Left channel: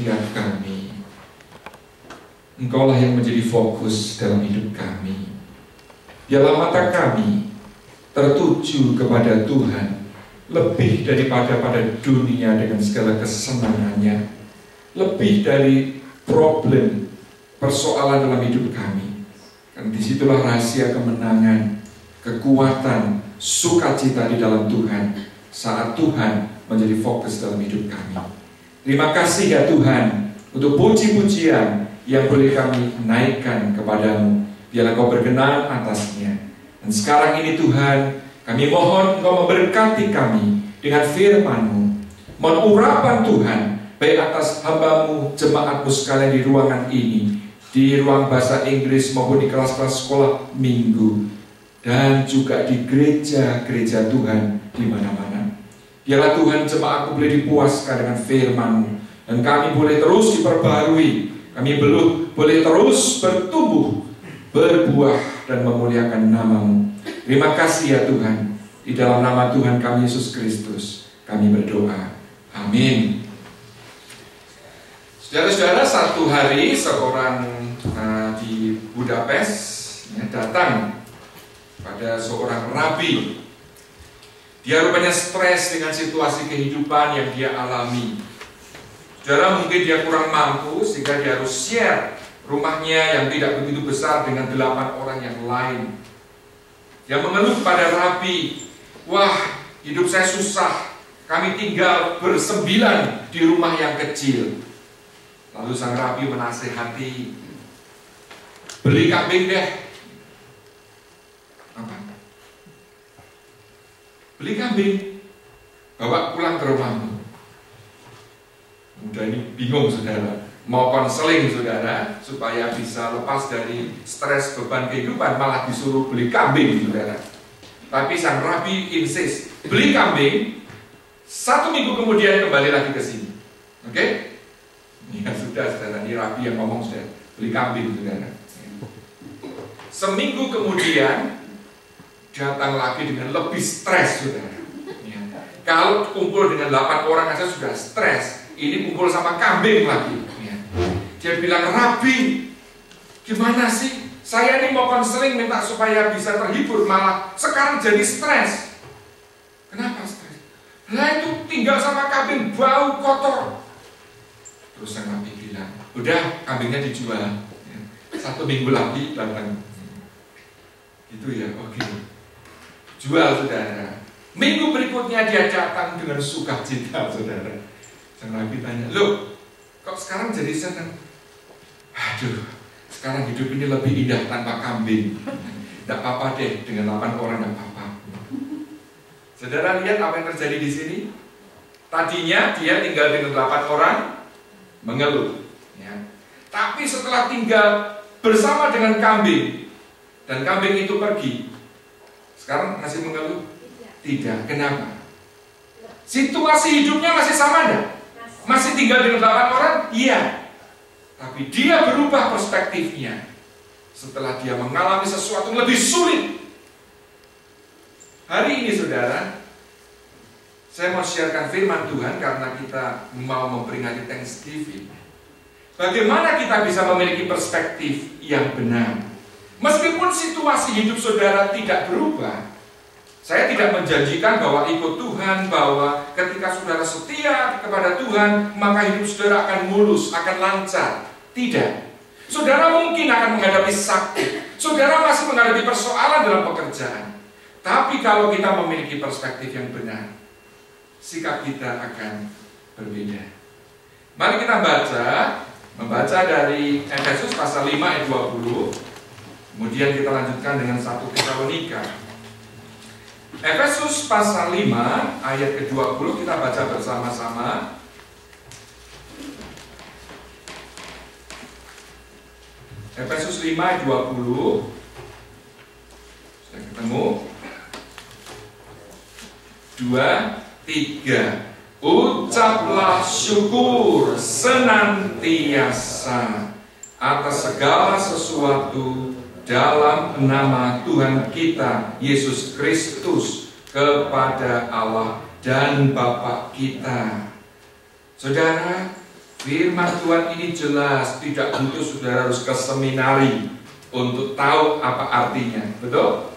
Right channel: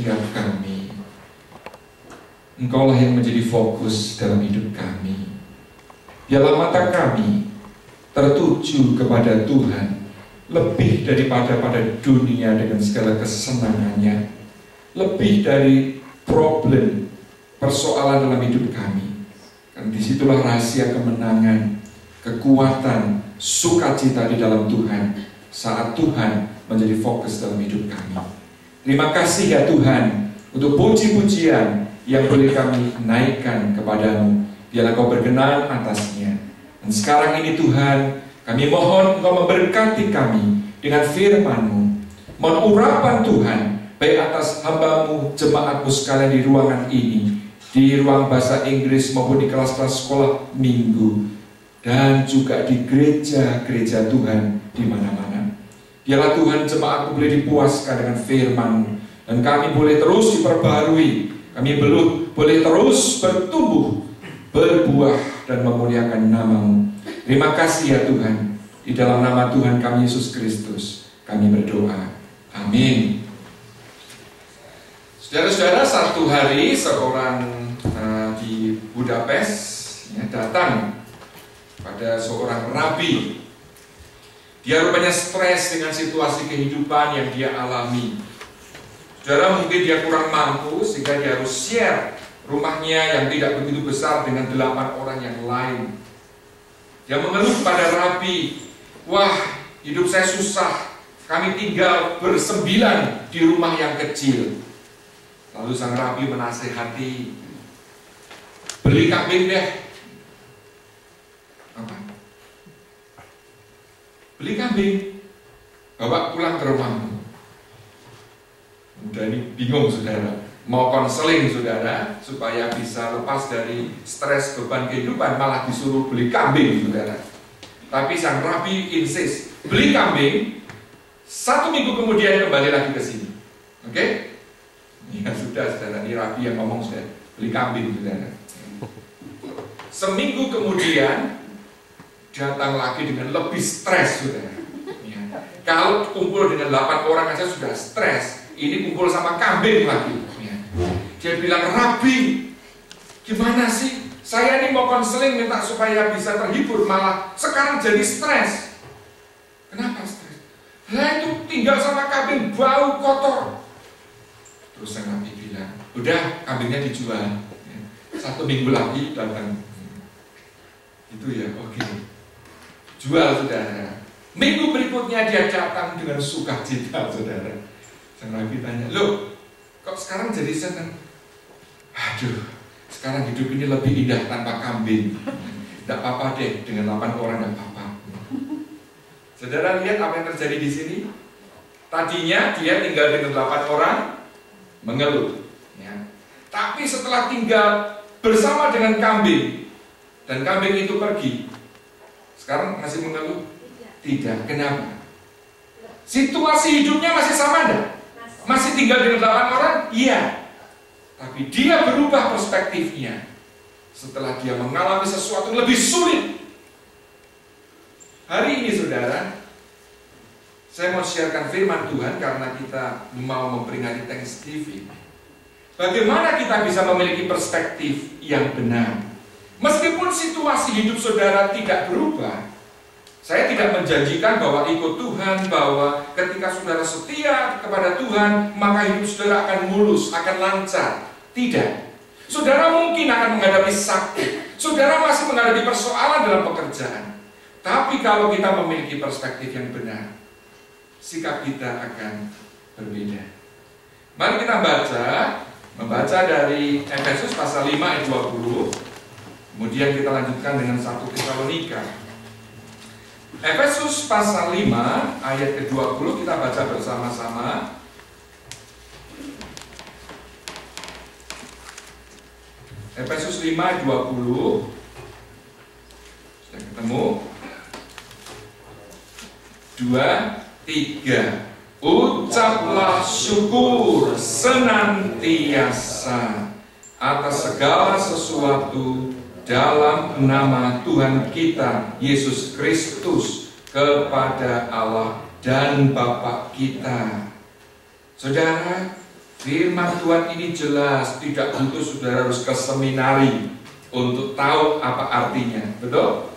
setiap kami. Engkaulah yang menjadi fokus dalam hidup kami. Biarlah mata kami tertuju kepada Tuhan lebih daripada pada dunia dengan segala kesenangannya, lebih dari problem, persoalan dalam hidup kami. Dan disitulah rahasia kemenangan, kekuatan, sukacita di dalam Tuhan saat Tuhan menjadi fokus dalam hidup kami. Terima kasih ya Tuhan untuk puji-pujian yang boleh kami naikkan kepadamu. Biarlah Kau berkenan atasnya. Dan sekarang ini Tuhan, kami mohon Engkau memberkati kami dengan firman-Mu. Mohon urapan Tuhan, baik atas hamba-Mu, jemaat-Mu sekalian di ruangan ini, di ruang bahasa Inggris maupun di kelas-kelas sekolah minggu, dan juga di gereja-gereja Tuhan di mana-mana. Biarlah Tuhan jemaat-Mu boleh dipuaskan dengan firman-Mu, dan kami boleh terus diperbarui, kami boleh terus bertumbuh, berbuah, dan memuliakan nama-Mu. Terima kasih ya Tuhan. Di dalam nama Tuhan kami Yesus Kristus kami berdoa. Amin. Saudara-saudara, satu hari seorang di Budapest datang pada seorang rabi. Dia rupanya stres dengan situasi kehidupan yang dia alami. Saudara, mungkin dia kurang mampu sehingga dia harus share rumahnya yang tidak begitu besar dengan 8 orang yang lain. Dia mengeluh pada rabi, wah, hidup saya susah, kami tinggal bersembilan di rumah yang kecil. Lalu sang rabi menasehati, beli kambing deh. Apa? Beli kambing, bawa pulang ke rumahmu. Mudah ini bingung saudara, mau konseling saudara supaya bisa lepas dari stres beban kehidupan, malah disuruh beli kambing saudara. Tapi sang rabi insist, beli kambing, 1 minggu kemudian kembali lagi ke sini. Oke? Ya sudah saudara, ini rabi yang ngomong saudara, beli kambing saudara. Seminggu kemudian datang lagi dengan lebih stres saudara. Ya. Kalau kumpul dengan 8 orang aja sudah stres, ini kumpul sama kambing lagi. Dia bilang, rabi, gimana sih? Saya ini mau konseling minta supaya bisa terhibur, malah sekarang jadi stres. Kenapa stres? Lah itu tinggal sama kambing bau kotor. Terus sang rabi bilang, udah kambingnya dijual. 1 minggu lagi datang. Itu ya, oke. Jual saudara. Minggu berikutnya dia datang dengan sukacita saudara. Sang rabi tanya, loh, kok sekarang jadi senang? Aduh, sekarang hidup ini lebih indah tanpa kambing. Tidak apa-apa deh, dengan 8 orang tidak apa-apa. Saudara lihat apa yang terjadi di sini? Tadinya dia tinggal dengan 8 orang, mengeluh. Ya. Tapi setelah tinggal bersama dengan kambing, dan kambing itu pergi, sekarang masih mengeluh? Tidak. Kenapa? Situasi hidupnya masih sama enggak? Masih tinggal dengan 8 orang? Iya. Tapi dia berubah perspektifnya setelah dia mengalami sesuatu yang lebih sulit. Hari ini saudara, saya mau sharekan firman Tuhan karena kita mau memperingati Thanksgiving. Bagaimana kita bisa memiliki perspektif yang benar? Meskipun situasi hidup saudara tidak berubah, saya tidak menjanjikan bahwa ikut Tuhan, bahwa ketika saudara setia kepada Tuhan, maka hidup saudara akan mulus, akan lancar. Tidak. Saudara mungkin akan menghadapi sakit. Saudara masih menghadapi persoalan dalam pekerjaan. Tapi kalau kita memiliki perspektif yang benar, sikap kita akan berbeda. Mari kita membaca dari Efesus pasal 5 ayat 20. Kemudian kita lanjutkan dengan 1 Tesalonika. Efesus pasal 5 ayat ke-20 kita baca bersama-sama. Efesus 5 ayat 20. Sudah ketemu? 2, 3. Ucaplah syukur senantiasa atas segala sesuatu dalam nama Tuhan kita Yesus Kristus kepada Allah dan Bapa kita. Saudara, Firman Tuhan ini jelas, tidak butuh saudara harus ke seminari untuk tahu apa artinya. Betul?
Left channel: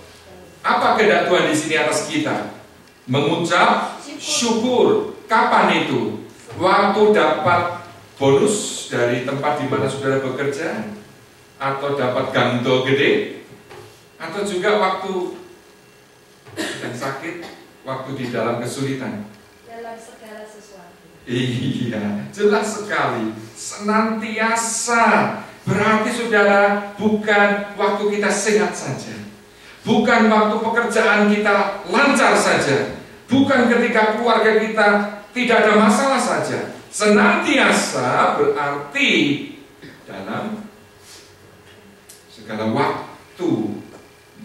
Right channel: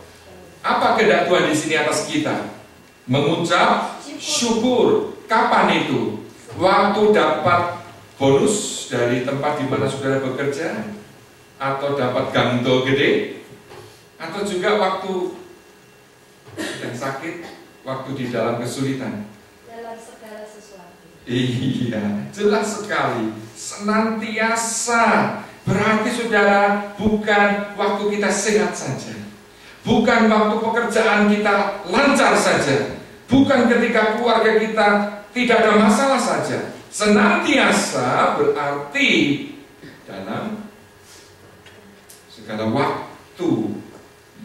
Apa kehendak Tuhan di sini atas kita? Mengucap syukur. Kapan itu? Waktu dapat bonus dari tempat di mana saudara bekerja, atau dapat ganto gede, atau juga waktu sedang sakit, waktu di dalam kesulitan. Dalam segala sesuatu. Iya, jelas sekali. Senantiasa. Berarti saudara, bukan waktu kita sehat saja, bukan waktu pekerjaan kita lancar saja, bukan ketika keluarga kita tidak ada masalah saja. Senantiasa berarti dalam segala waktu,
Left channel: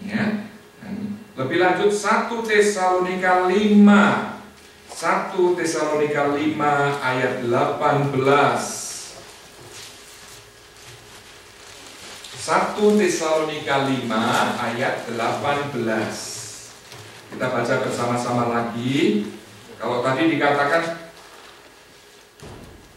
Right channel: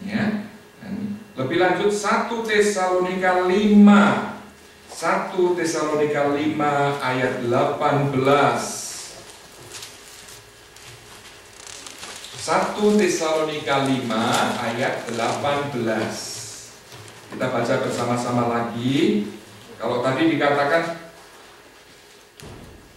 ya. Dan lebih lanjut 1 Tesalonika 5 ayat 18. 1 Tesalonika 5 ayat 18. Kita baca bersama-sama lagi. Kalau tadi dikatakan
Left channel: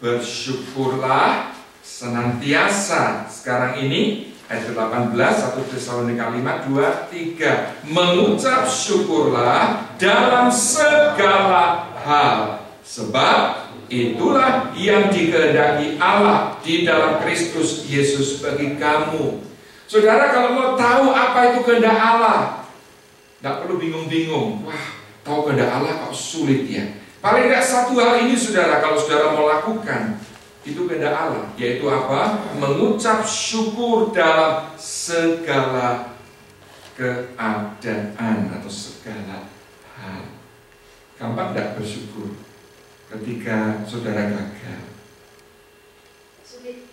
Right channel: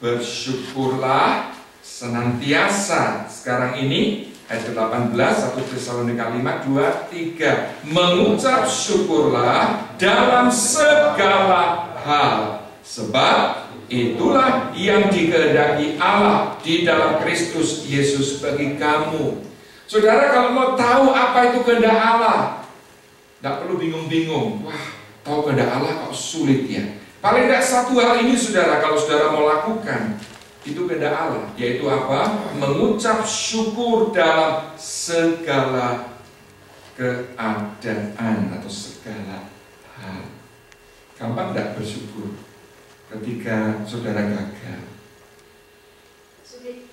bersyukurlah senantiasa, sekarang ini ayat 18 1 Tesalonika 5 2 3, mengucap syukurlah dalam segala hal, sebab itulah yang dikehendaki Allah di dalam Kristus Yesus bagi kamu. Saudara, kalau mau tahu apa itu kehendak Allah, tidak perlu bingung-bingung. Wah, tahu kehendak Allah kok sulit ya. Paling tidak satu hal ini saudara, kalau saudara mau lakukan, itu kehendak Allah, yaitu apa? Mengucap syukur dalam segala keadaan atau segala hal. Gampang tidak bersyukur ketika saudara gagal? Sulit.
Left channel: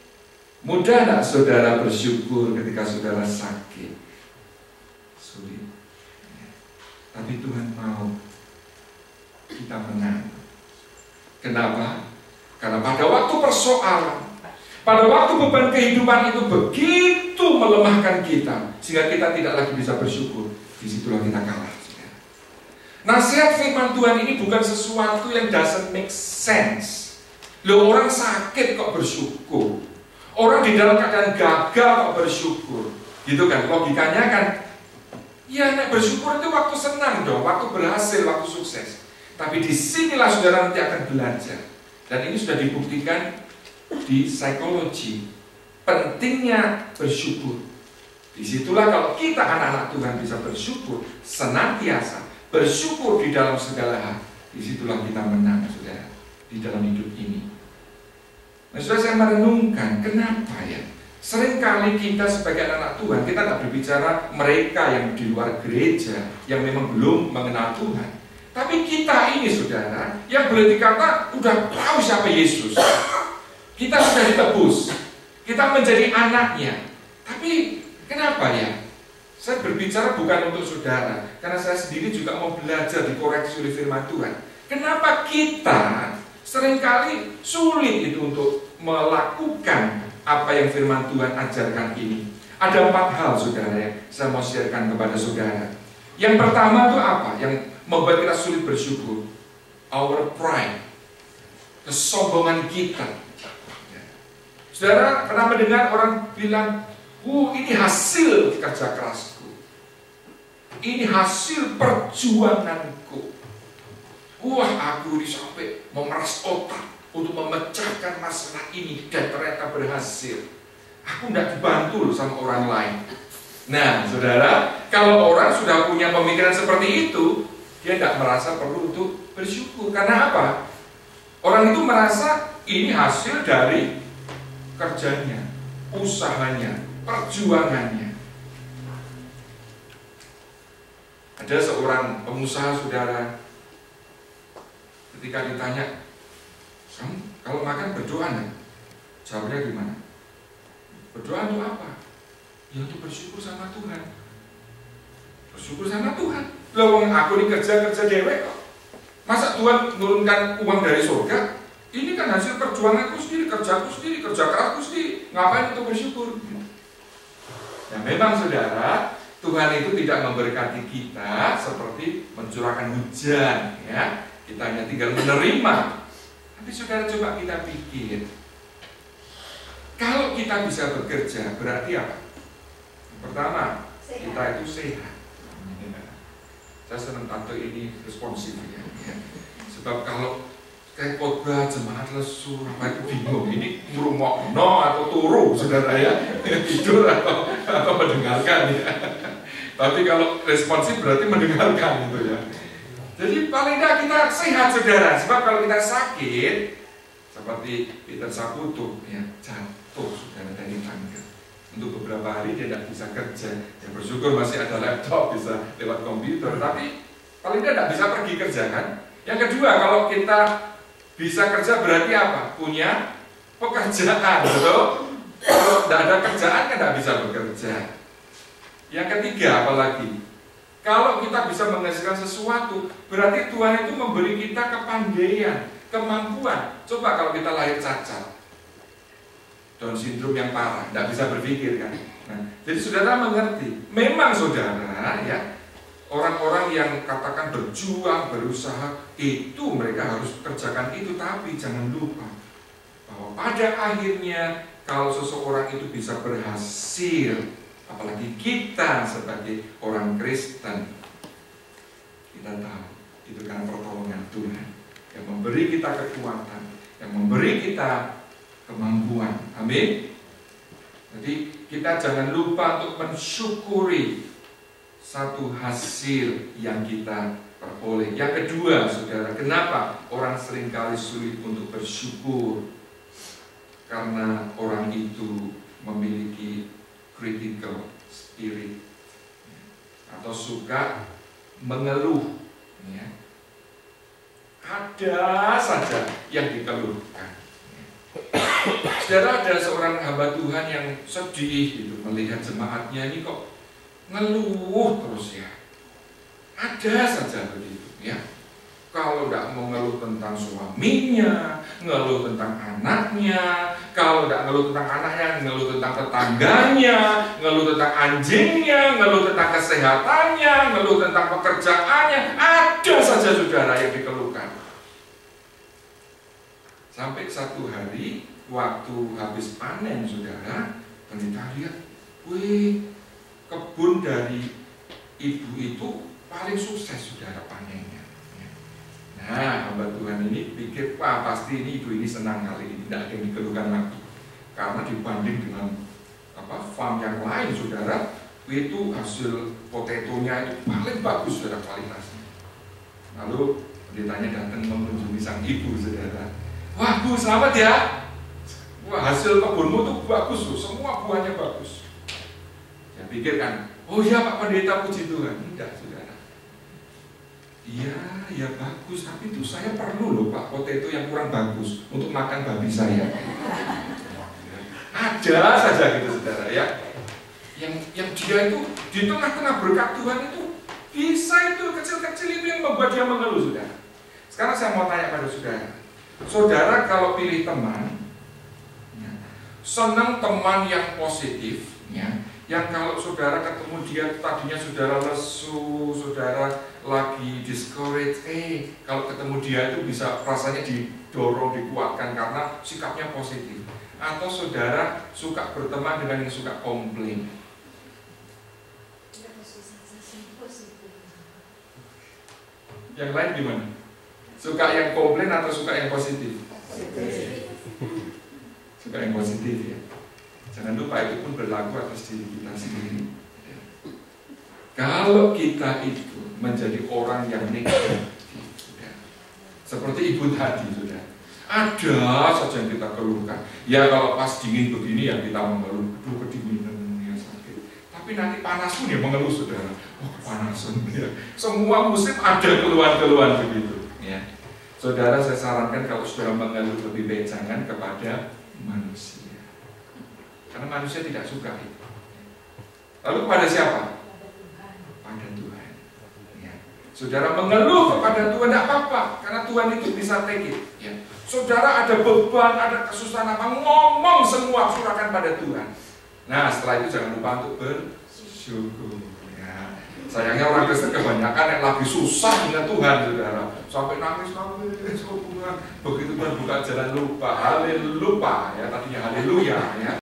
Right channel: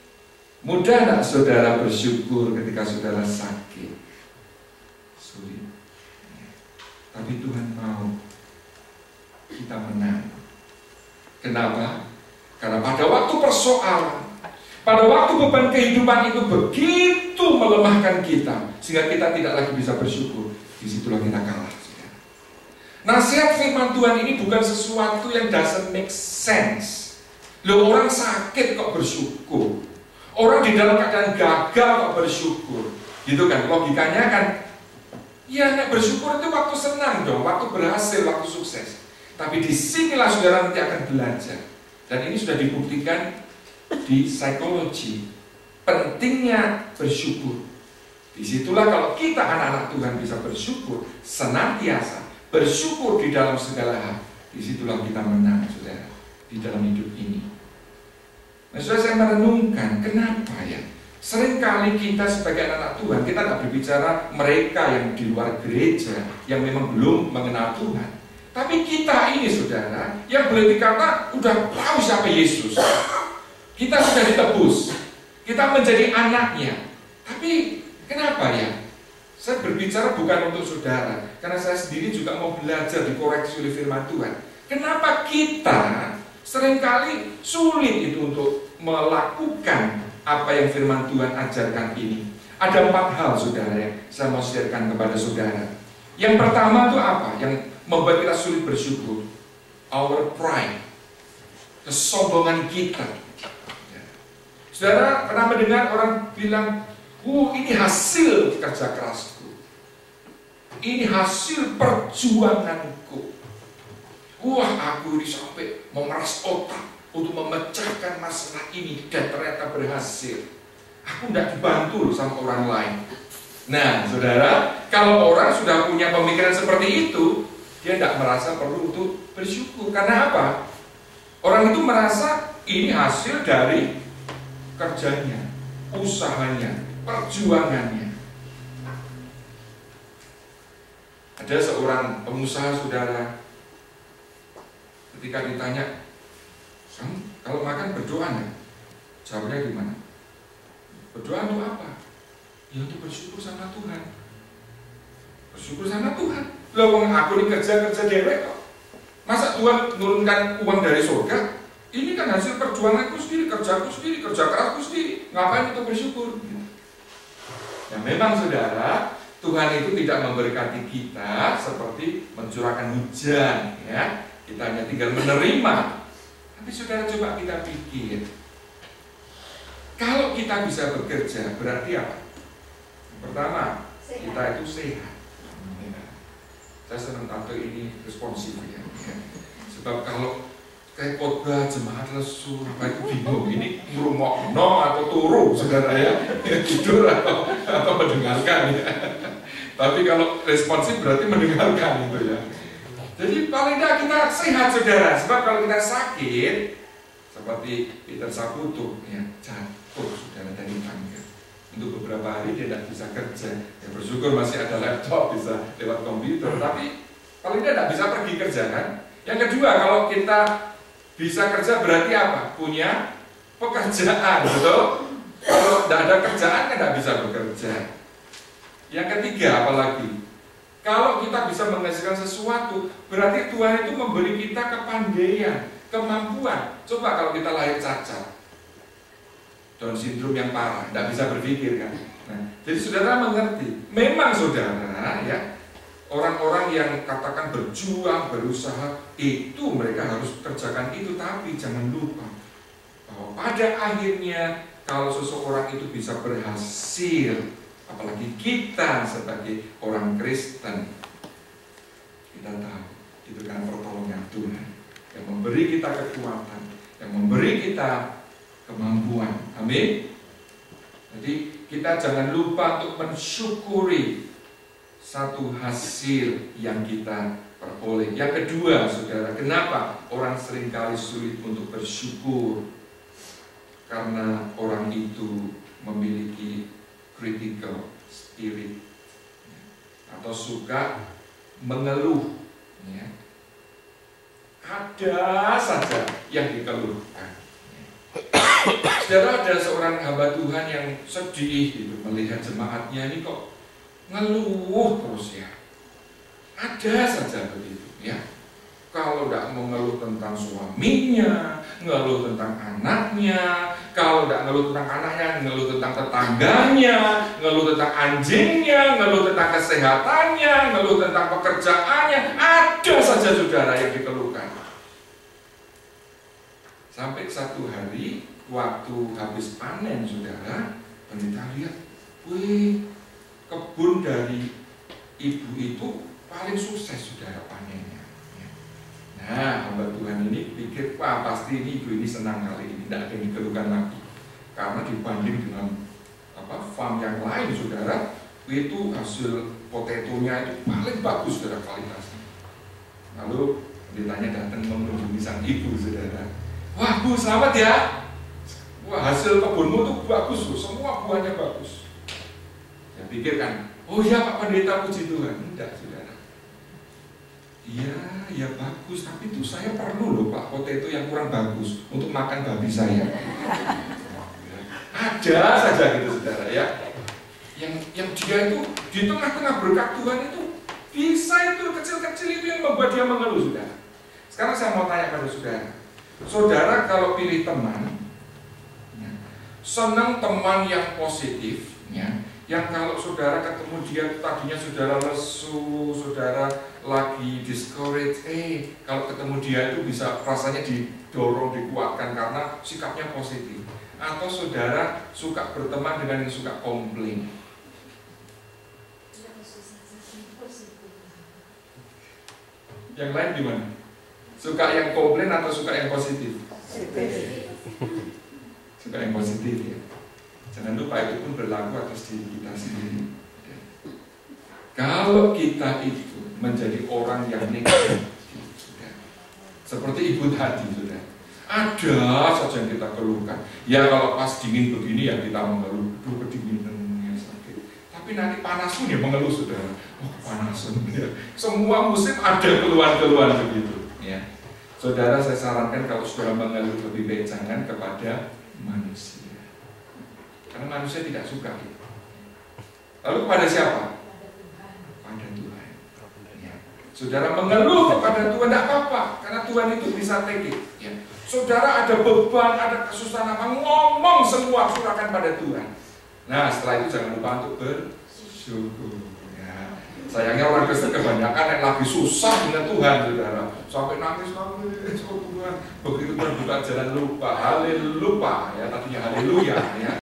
Mudah tidak saudara bersyukur ketika saudara sakit? Sulit. Tapi Tuhan mau kita menang. Kenapa? Karena pada waktu persoalan, pada waktu beban kehidupan itu begitu melemahkan kita, sehingga kita tidak lagi bisa bersyukur. Disitulah kita kalah. Nasihat firman Tuhan ini bukan sesuatu yang doesn't make sense. Loh, orang sakit kok bersyukur, orang di dalam keadaan gagal kok bersyukur, gitu kan? Logikanya kan, ya nek bersyukur itu waktu senang dong, waktu berhasil, waktu sukses. Tapi disinilah saudara nanti akan belajar, dan ini sudah dibuktikan di psikologi, pentingnya bersyukur. Disitulah kalau kita anak-anak Tuhan bisa bersyukur senantiasa, bersyukur di dalam segala hal, disitulah kita menang, saudara, di dalam hidup ini. Nah, saudara, saya merenungkan, kenapa ya seringkali kita sebagai anak Tuhan, kita tidak berbicara mereka yang di luar gereja, yang memang belum mengenal Tuhan. Tapi kita ini, saudara, yang boleh dikata udah tahu siapa Yesus. Kita sudah ditebus, kita menjadi anaknya. Tapi kenapa ya? Saya berbicara bukan untuk saudara, karena saya sendiri juga mau belajar dikoreksi oleh firman Tuhan. Kenapa kita seringkali sulit itu untuk melakukan apa yang firman Tuhan ajarkan ini? Ada 4 hal, saudara, yang saya mau sharekan kepada saudara. Yang pertama itu apa? Yang membuat kita sulit bersyukur. Our pride, kesombongan kita. Saudara pernah mendengar orang bilang, ini hasil kerja kerasku, ini hasil perjuanganku. Wah, aku ini sampai memeras otak untuk memecahkan masalah ini dan ternyata berhasil. Aku tidak dibantu loh sama orang lain. Nah, saudara, kalau orang sudah punya pemikiran seperti itu, dia tidak merasa perlu untuk bersyukur. Karena apa? Orang itu merasa ini hasil dari kerjanya, usahanya, perjuangannya. Ada seorang pengusaha, saudara, ketika ditanya, kamu kalau makan berdoa nggak? Jawabnya gimana? Berdoa untuk apa? Ya untuk bersyukur sama Tuhan. Bersyukur sama Tuhan. Loh, aku ini kerja dewek kok. Masa Tuhan menurunkan uang dari surga? Ini kan hasil perjuanganku sendiri, kerjaku sendiri, kerja kerasku sendiri. Ngapain untuk bersyukur? Ya memang, saudara, Tuhan itu tidak memberkati kita seperti mencurahkan hujan, ya. Kita hanya tinggal menerima. Tapi saudara, coba kita pikir, Kalau kita bisa bekerja, berarti apa? Pertama, kita itu sehat. Saya senang tato ini responsif ya. Sebab kalau kayak khotbah jemaat lesu, itu bingung. Ini ngurungokno atau turu, saudara ya, tidur atau mendengarkan ya. Tapi kalau responsif berarti mendengarkan itu ya. Jadi paling tidak kita sehat, saudara. Sebab kalau kita sakit, seperti Peter Saputo ya, jatuh saudara dari tangga. Untuk beberapa hari dia tidak bisa kerja. Ya bersyukur masih ada laptop, bisa lewat komputer. Tapi paling tidak bisa pergi kerja kan. Yang kedua, kalau kita bisa kerja berarti apa? Punya pekerjaan, betul? Kalau tidak ada kerjaan kan tidak bisa bekerja. Yang ketiga, apalagi kalau kita bisa menghasilkan sesuatu, berarti Tuhan itu memberi kita kepandaian, kemampuan. Coba kalau kita lahir cacat, Down syndrome yang parah, tidak bisa berpikir kan. Nah, jadi saudara mengerti, memang saudara ya, orang-orang yang katakan berjuang, berusaha, itu mereka harus kerjakan itu. Tapi jangan lupa bahwa pada akhirnya kalau seseorang itu bisa berhasil, apalagi kita sebagai orang Kristen, kita tahu itu kan pertolongan Tuhan yang memberi kita kekuatan, yang memberi kita kemampuan. Amin. Jadi kita jangan lupa untuk mensyukuri satu hasil yang kita peroleh. Yang kedua, saudara, kenapa orang seringkali sulit untuk bersyukur? Karena orang itu memiliki critical spirit atau suka mengeluh ya. Ada saja yang dikeluhkan. Saudara, ada seorang hamba Tuhan yang sedih gitu, melihat jemaatnya ini kok ngeluh terus ya. Ada saja begitu ya. Kalau tidak mengeluh tentang suaminya, ngeluh tentang anaknya. Kalau tidak ngeluh tentang anaknya, ngeluh tentang tetangganya, ngeluh tentang anjingnya, ngeluh tentang kesehatannya, ngeluh tentang pekerjaannya. Ada saja saudara yang dikeluhkan. Sampai satu hari waktu habis panen, saudara, pendeta lihat, wih, kebun dari ibu itu paling sukses, saudara, panennya. Nah, hamba Tuhan ini pikir, wah pasti ini ibu ini senang kali ini, tidak ada yang dikeluhkan lagi. Karena dibanding dengan farm yang lain, saudara, itu hasil potetonya itu paling bagus, saudara, kualitasnya. Lalu pendetanya datang mengunjungi sang ibu, saudara. Wah Bu, selamat ya. Wah, hasil kebunmu tuh bagus tuh, semua buahnya bagus. Saya pikir kan, oh ya Pak Pendeta, puji Tuhan. Tidak, saudara. Iya, ya bagus, tapi itu saya perlu loh Pak potato yang kurang bagus untuk makan babi saya. Ada saja gitu, saudara ya. Yang dia itu di tengah-tengah berkat Tuhan itu bisa itu kecil-kecil itu yang membuat dia mengeluh, saudara. Sekarang saya mau tanya pada saudara. Saudara kalau pilih teman, ya, senang teman yang positif, ya, yang kalau saudara ketemu dia tadinya saudara lesu, saudara lagi discourage, kalau ketemu dia itu bisa rasanya didorong, dikuatkan karena sikapnya positif. Atau saudara suka berteman dengan yang suka komplain. Yang lain gimana? Suka yang komplain atau suka yang positif? Suka yang positif ya. Jangan lupa itu pun berlaku atas diri kita sendiri. Kalau kita itu menjadi orang yang negatif, seperti ibu tadi, sudah ada saja yang kita keluhkan. Ya kalau pas dingin begini ya kita mengeluh, aduh kedinginan ya sakit. Tapi nanti panas pun ya mengeluh, saudara. Oh kepanasan ya. Semua musim ada keluhan-keluhan begitu. Ya. Saudara, saya sarankan kalau sudah mengeluh lebih baik jangan kepada manusia, karena manusia tidak suka itu. Lalu kepada siapa? Pada Tuhan. Ya. Saudara mengeluh kepada Tuhan tidak apa-apa, karena Tuhan itu bisa take it. Ya. Saudara ada beban, ada kesusahan apa, ngomong semua surahkan pada Tuhan. Nah setelah itu jangan lupa untuk bersyukur. Sayangnya orang Kristen kebanyakan yang lagi susah dengan Tuhan, saudara, sampai nangis Tuhan. Begitu Tuhan buka jalan lupa, haleluya ya, tadinya haleluya ya.